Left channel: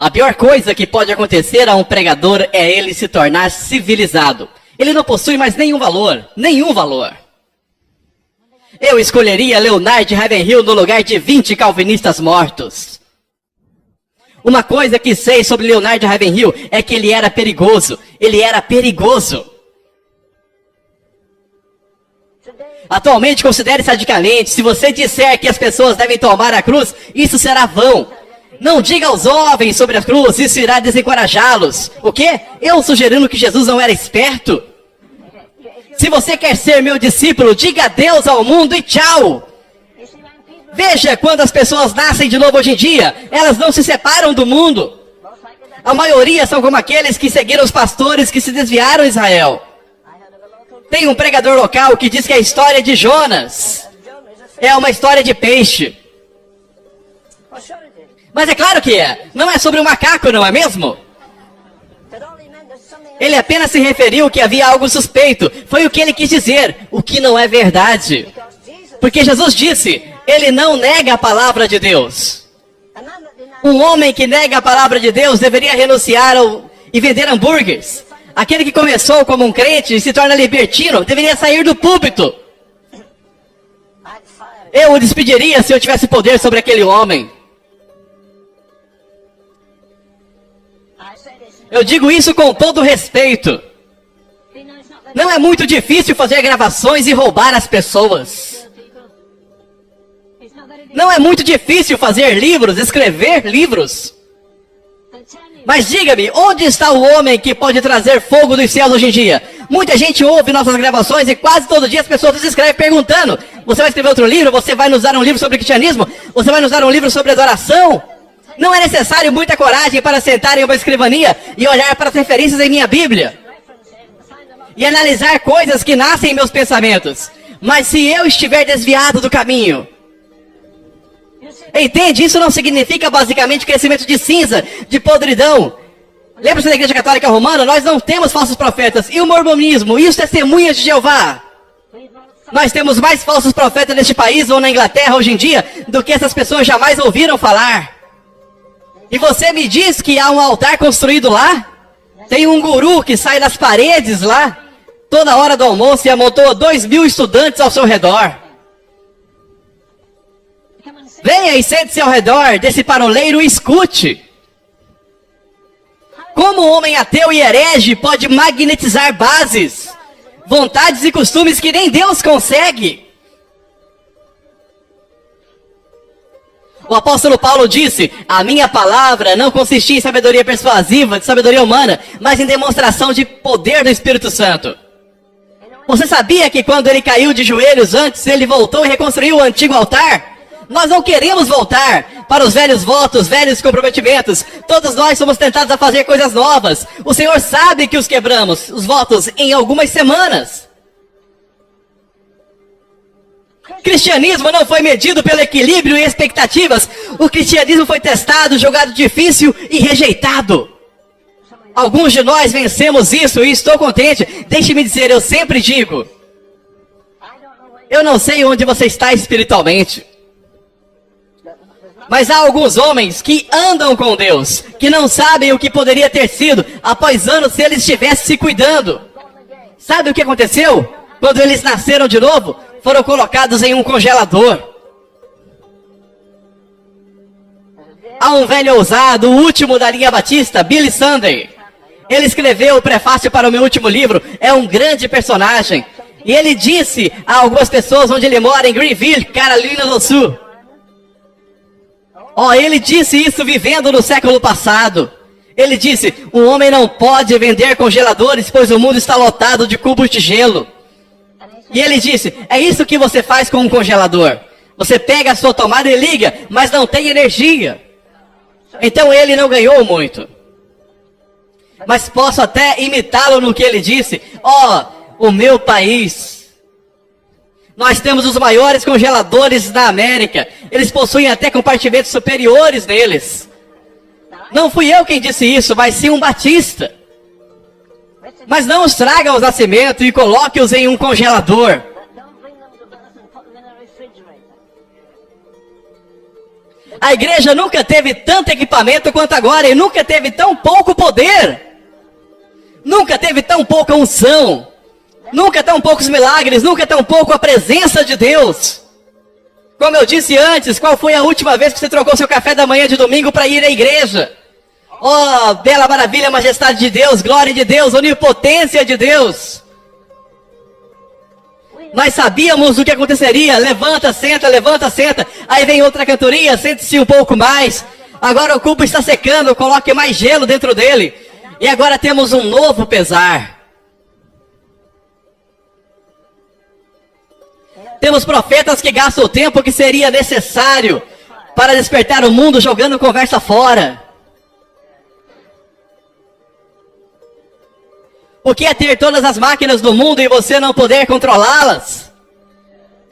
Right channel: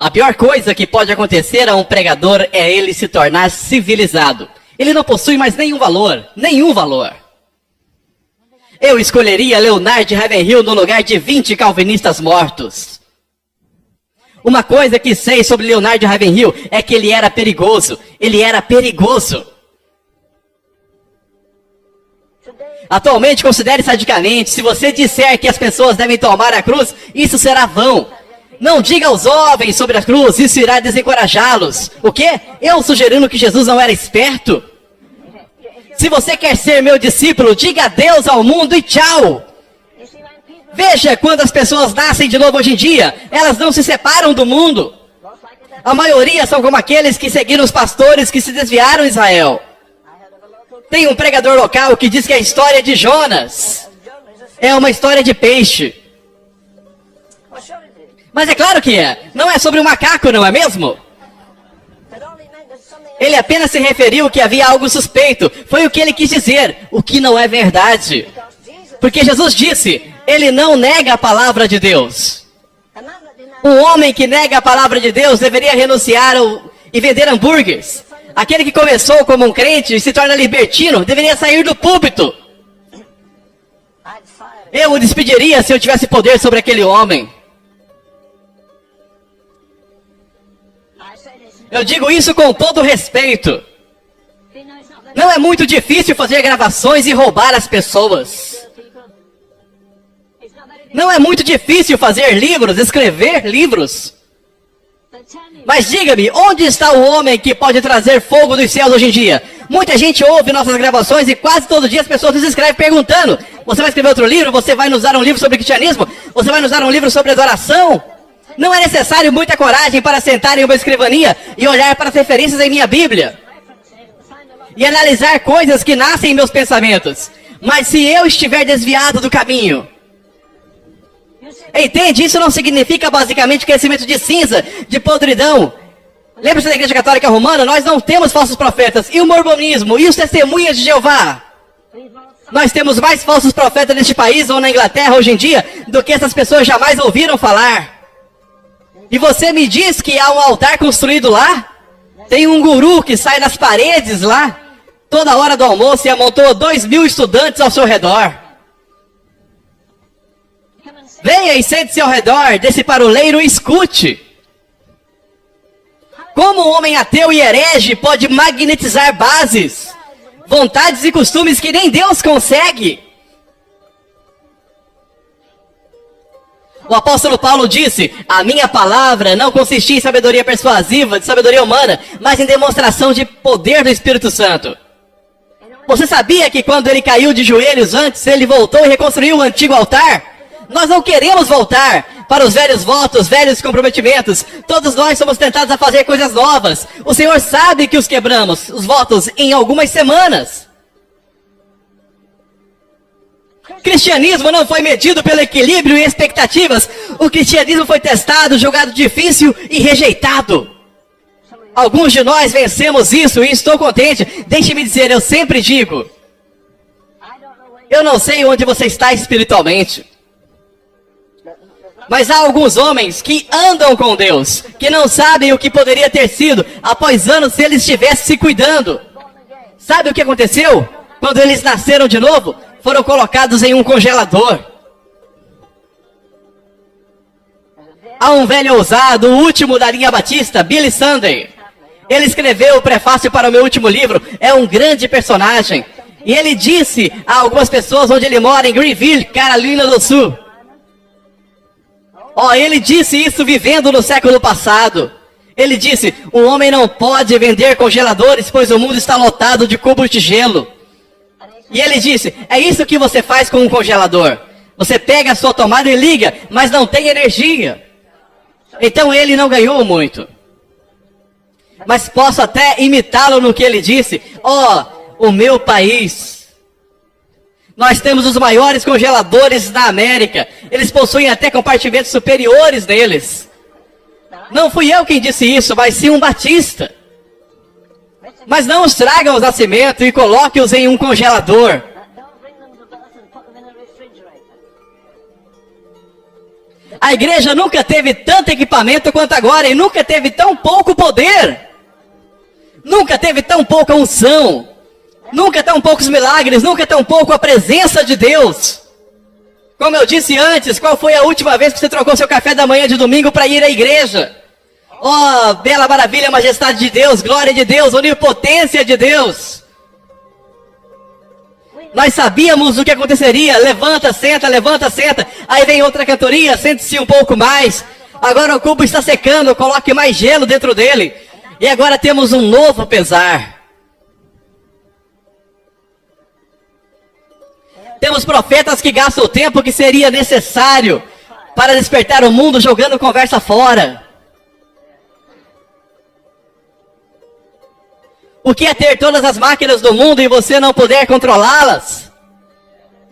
A pior coisa que pode acontecer a um pregador é ele se tornar civilizado. Ele não possui mais nenhum valor, nenhum valor. Eu escolheria Leonard Ravenhill no lugar de 20 calvinistas mortos. Uma coisa que sei sobre Leonard Ravenhill é que ele era perigoso. Ele era perigoso. Atualmente, considere sadicamente, se você disser que as pessoas devem tomar a cruz, isso será vão. Não diga aos jovens sobre a cruz, isso irá desencorajá-los. O quê? Eu sugerindo que Jesus não era esperto? Se você quer ser meu discípulo, diga adeus ao mundo e tchau. Veja quando as pessoas nascem de novo hoje em dia, elas não se separam do mundo. A maioria são como aqueles que seguiram os pastores que se desviaram de Israel. Tem um pregador local que diz que a história de Jonas é uma história de peixe. Mas é claro que é. Não é sobre um macaco, não é mesmo? Ele apenas se referiu que havia algo suspeito. Foi o que ele quis dizer, o que não é verdade. Porque Jesus disse, ele não nega a palavra de Deus. Um homem que nega a palavra de Deus deveria renunciar e vender hambúrgueres. Aquele que começou como um crente e se torna libertino deveria sair do púlpito. Eu o despediria se eu tivesse poder sobre aquele homem. Eu digo isso com todo respeito. Não é muito difícil fazer gravações e roubar as pessoas. Não é muito difícil fazer livros, escrever livros. Mas diga-me, onde está o homem que pode trazer fogo dos céus hoje em dia? Muita gente ouve nossas gravações e quase todo dia as pessoas nos escrevem perguntando: você vai escrever outro livro? Você vai nos dar um livro sobre cristianismo? Você vai nos dar um livro sobre adoração? Não é necessário muita coragem para sentar em uma escrivaninha e olhar para as referências em minha Bíblia e analisar coisas que nascem em meus pensamentos. Mas se eu estiver desviado do caminho, entende? Isso não significa basicamente crescimento de cinza, de podridão. Lembre-se da Igreja Católica Romana, nós não temos falsos profetas. E o mormonismo, e os testemunhas de Jeová? Nós temos mais falsos profetas neste país ou na Inglaterra hoje em dia do que essas pessoas jamais ouviram falar. E você me diz que há um altar construído lá? Tem um guru que sai nas paredes lá, toda hora do almoço, e amontoa 2.000 estudantes ao seu redor. Venha e sente-se ao redor desse paroleiro e escute. Como um homem ateu e herege pode magnetizar bases, vontades e costumes que nem Deus consegue? O apóstolo Paulo disse, a minha palavra não consistia em sabedoria persuasiva, de sabedoria humana, mas em demonstração de poder do Espírito Santo. Você sabia que quando ele caiu de joelhos antes, ele voltou e reconstruiu o antigo altar? Nós não queremos voltar para os velhos votos, velhos comprometimentos. Todos nós somos tentados a fazer coisas novas. O Senhor sabe que os quebramos, os votos, em algumas semanas. Cristianismo não foi medido pelo equilíbrio e expectativas. O cristianismo foi testado, jogado difícil e rejeitado. Alguns de nós vencemos isso e estou contente. Deixe-me dizer, eu sempre digo, eu não sei onde você está espiritualmente. Mas há alguns homens que andam com Deus, que não sabem o que poderia ter sido após anos se eles estivessem se cuidando. Sabe o que aconteceu? Quando eles nasceram de novo, foram colocados em um congelador. Há um velho ousado, o último da linha batista, Billy Sunday. Ele escreveu o prefácio para o meu último livro, é um grande personagem. E ele disse a algumas pessoas onde ele mora, em Greenville, Carolina do Sul. Ele disse isso vivendo no século passado. Ele disse, o homem não pode vender congeladores, pois o mundo está lotado de cubos de gelo. E ele disse, é isso que você faz com um congelador. Você pega a sua tomada e liga, mas não tem energia. Então ele não ganhou muito. Mas posso até imitá-lo no que ele disse. O meu país. Nós temos os maiores congeladores da América. Eles possuem até compartimentos superiores neles. Não fui eu quem disse isso, mas sim um batista. Mas não os traga aos nascimentos e coloque-os em um congelador. A igreja nunca teve tanto equipamento quanto agora e nunca teve tão pouco poder. Nunca teve tão pouca unção. Nunca tão poucos milagres, nunca tão pouco a presença de Deus. Como eu disse antes, qual foi a última vez que você trocou seu café da manhã de domingo para ir à igreja? Oh, bela maravilha, majestade de Deus, glória de Deus, onipotência de Deus. Nós sabíamos o que aconteceria, levanta, senta. Aí vem outra cantoria, sente-se um pouco mais. Agora o cubo está secando, coloque mais gelo dentro dele. E agora temos um novo pesar. Temos profetas que gastam o tempo que seria necessário para despertar o mundo jogando conversa fora. O que é ter todas as máquinas do mundo e você não poder controlá-las?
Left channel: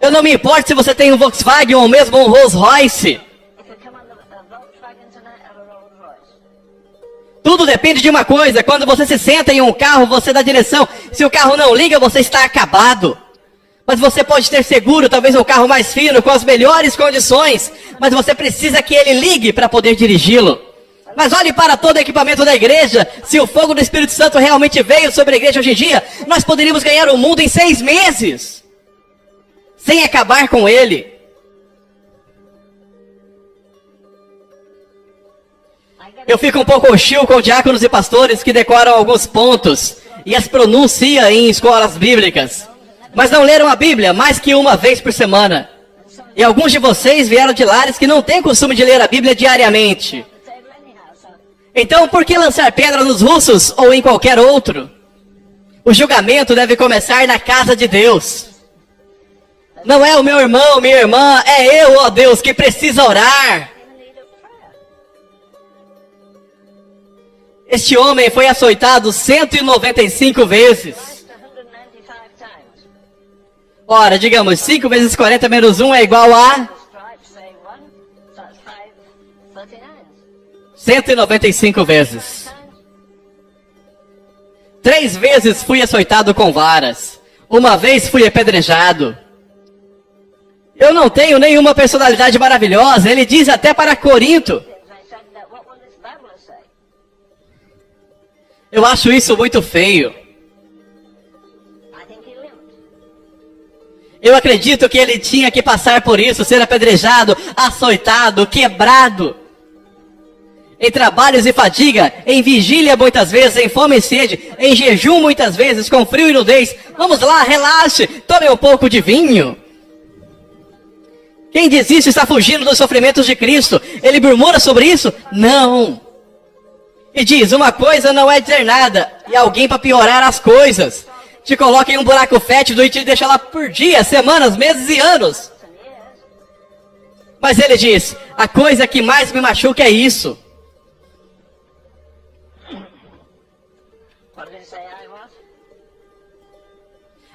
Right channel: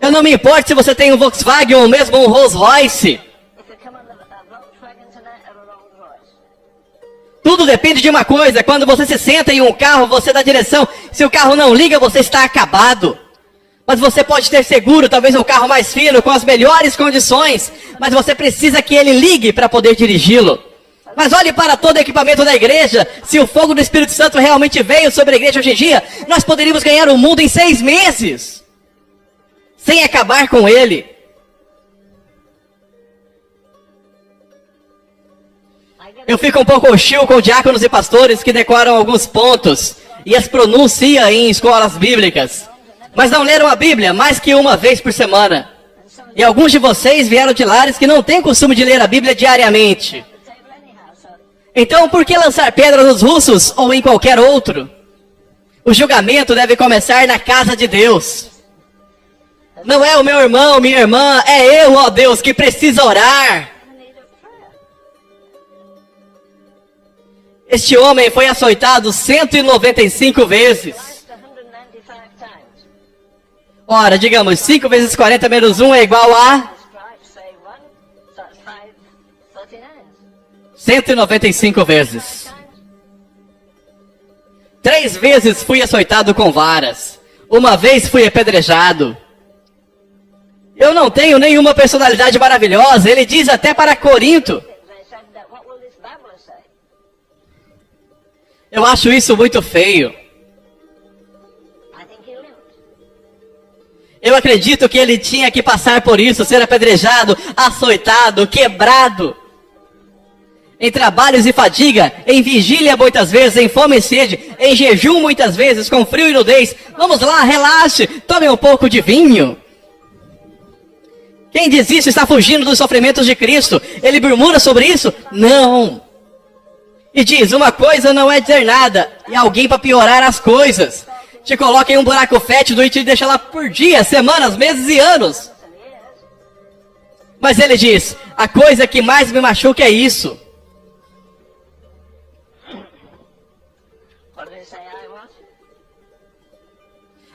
Eu não me importo se você tem um Volkswagen ou mesmo um Rolls Royce. Tudo depende de uma coisa. Quando você se senta em um carro, você dá direção. Se o carro não liga, você está acabado. Mas você pode ter seguro, talvez um carro mais fino, com as melhores condições. Mas você precisa que ele ligue para poder dirigi-lo. Mas olhe para todo o equipamento da igreja. Se o fogo do Espírito Santo realmente veio sobre a igreja hoje em dia, nós poderíamos ganhar o mundo em 6 meses. Sem acabar com ele. Eu fico um pouco hostil com diáconos e pastores que decoram alguns pontos e as pronunciam em escolas bíblicas. Mas não leram a Bíblia mais que uma vez por semana. E alguns de vocês vieram de lares que não têm costume de ler a Bíblia diariamente. Então, por que lançar pedra nos russos ou em qualquer outro? O julgamento deve começar na casa de Deus. Não é o meu irmão, minha irmã, é eu, ó Deus, que precisa orar. Este homem foi açoitado 195 vezes. Ora, digamos, 5 vezes 40 menos 1 é igual a 195 vezes. 3 vezes fui açoitado com varas. Uma vez fui apedrejado. Eu não tenho nenhuma personalidade maravilhosa. Ele diz até para Corinto. Eu acho isso muito feio. Eu acredito que ele tinha que passar por isso, ser apedrejado, açoitado, quebrado. Em trabalhos e fadiga, em vigília muitas vezes, em fome e sede, em jejum muitas vezes, com frio e nudez. Vamos lá, relaxe, tome um pouco de vinho. Quem diz isso está fugindo dos sofrimentos de Cristo. Ele murmura sobre isso? Não. E diz, uma coisa não é dizer nada, e alguém para piorar as coisas. Te coloca em um buraco fétido e te deixa lá por dias, semanas, meses e anos. Mas ele diz, a coisa que mais me machuca é isso.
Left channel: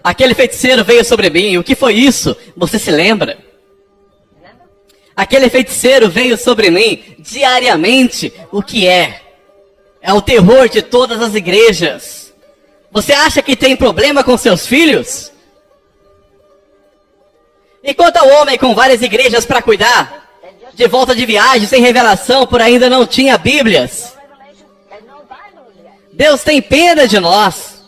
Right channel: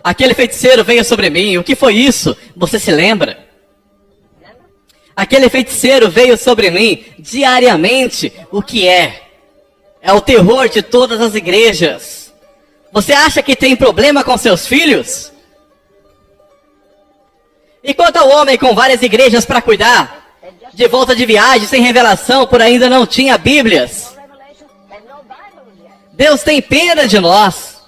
Aquele feiticeiro veio sobre mim, o que foi isso? Você se lembra? Aquele feiticeiro veio sobre mim diariamente, o que é? É o terror de todas as igrejas. Você acha que tem problema com seus filhos? E quanto ao homem com várias igrejas para cuidar, de volta de viagem, sem revelação, por ainda não tinha Bíblias. Deus tem pena de nós.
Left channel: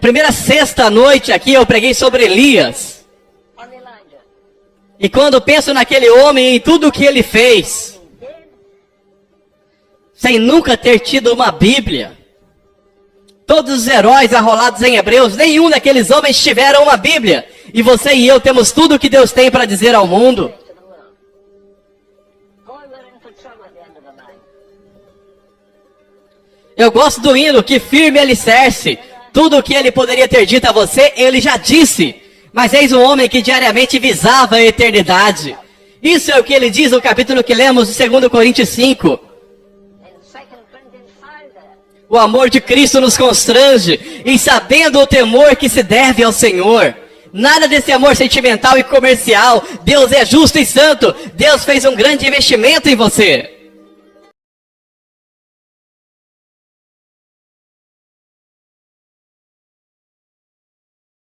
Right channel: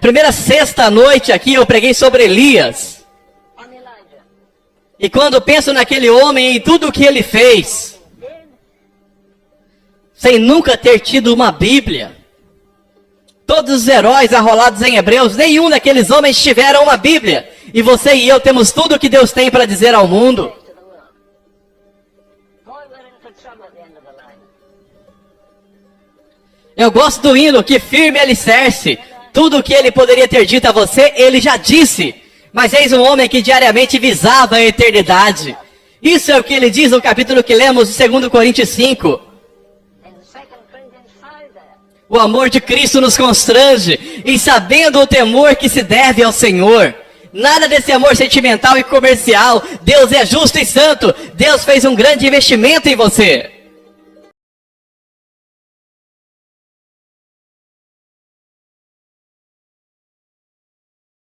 Primeira sexta noite aqui eu preguei sobre Elias. E quando penso naquele homem e em tudo o que ele fez, sem nunca ter tido uma Bíblia, todos os heróis arrolados em Hebreus, nenhum daqueles homens tiveram uma Bíblia. E você e eu temos tudo o que Deus tem para dizer ao mundo. Eu gosto do hino, que firme alicerce. Tudo o que ele poderia ter dito a você, ele já disse. Mas eis um homem que diariamente visava a eternidade. Isso é o que ele diz no capítulo que lemos de 2 Coríntios 5. O amor de Cristo nos constrange, em sabendo o temor que se deve ao Senhor. Nada desse amor sentimental e comercial. Deus é justo e santo. Deus fez um grande investimento em você.